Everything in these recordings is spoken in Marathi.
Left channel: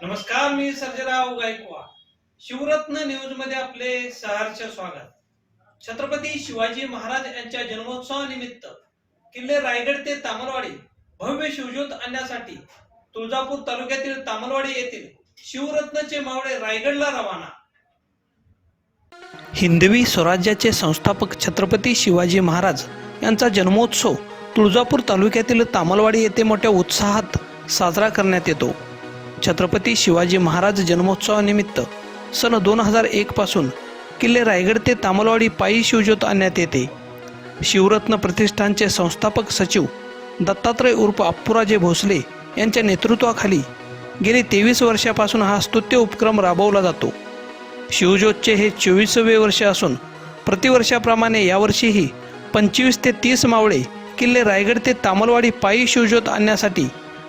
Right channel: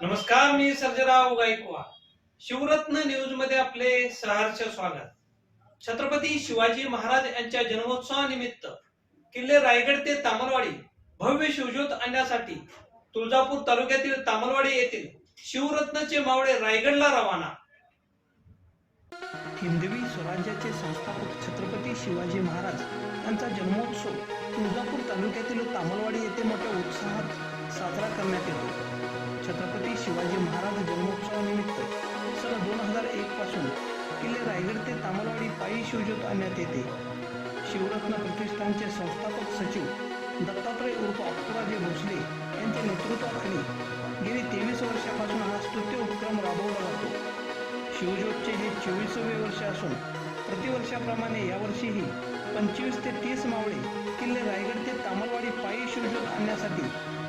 नमस्कार मी सर्जराव गायकवाड. शिवरत्न न्यूजमध्ये आपले सहर्ष स्वागत. छत्रपती शिवाजी महाराज यांच्या जन्मोत्सवानिमित्त किल्ले रायगड ते तामलवाडी भव्य शिवज्योत आणण्यासाठी तुळजापूर तालुक्यातील तामलवाडी येथील शिवरत्नचे मावळे रायगडला रवाना. हिंदवी स्वराज्याचे संस्थापक छत्रपती शिवाजी महाराज यांचा जन्मोत्सव तुळजापूर तालुक्यातील तामलवाडी येथे मोठ्या उत्साहात साजरा करण्यात येतो. छत्रपती शिवाजी महाराज जन्मोत्सवानिमित्त सन दोन हजार एक पासून किल्ले रायगड ते तामलवाडी पायी शिवज्योत आणण्यात येते. शिवरत्न प्रतिष्ठानचे संस्थापक सचिव दत्तात्रय उर्फ अप्पुराजे भोसले यांच्या नेतृत्वाखाली गेली तेवीस वर्षापासून हा स्तुत्य उपक्रम राबवला जातो. शिवज्योतचे हे चोवीसवे वर्ष असून प्रतिवर्षाप्रमाणे यावर्षीही पंचवीस ते तीस मावळे किल्ले रायगड ते तामलवाडी पायी शिवज्योत आणण्यासाठी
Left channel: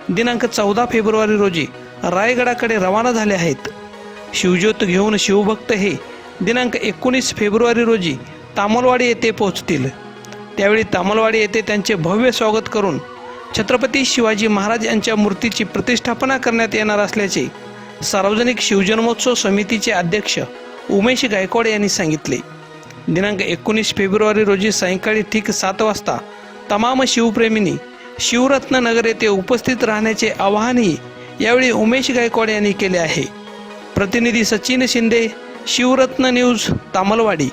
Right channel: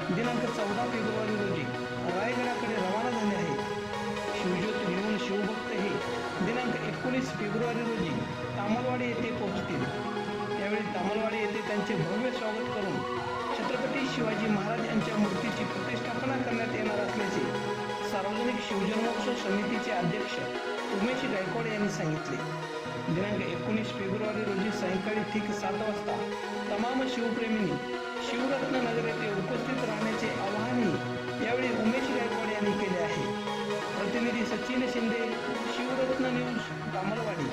दिनांक चौदा फेब्रुवारी रोजी रायगडाकडे रवाना झाले आहेत. शिवज्योत घेऊन शिवभक्त हे दिनांक एकोणीस फेब्रुवारी रोजी तामलवाडी येथे पोहोचतील. त्यावेळी तामलवाडी येथे त्यांचे भव्य स्वागत करून छत्रपती शिवाजी महाराज यांच्या मूर्तीची प्रतिष्ठापना करण्यात येणार असल्याचे सार्वजनिक शिवजन्मोत्सव समितीचे अध्यक्ष उमेश गायकवाड यांनी सांगितले. दिनांक एकोणीस फेब्रुवारी रोजी सायंकाळी ठीक सात वाजता तमाम शिवप्रेमींनी शिवरत्न नगर येथे उपस्थित राहण्याचे आवाहनही यावेळी उमेश गायकवाड यांनी केले आहे. प्रतिनिधी सचिन शिंदे शिवरत्न न्यूज तामलवाडी.